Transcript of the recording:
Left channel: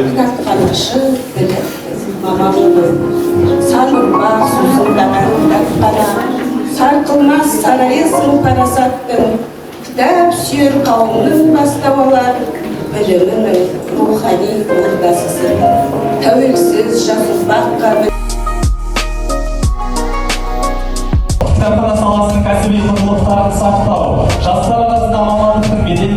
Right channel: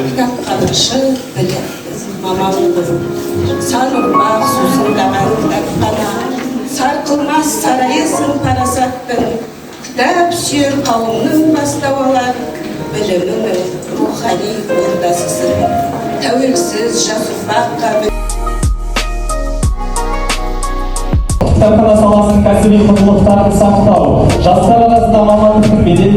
Кітапханашы білім, мамалығы, сан ұрпақ сөзін дағана, сарқылмас сарайысың парасаттың, кітап сүйер қауымның бастауалар, білімінің рухани ордасысың, тәуелсіз жас ұрпаққа кітапхана саласының кәсіби құндылықтарын сақтау, жастар арасында мамандық беделін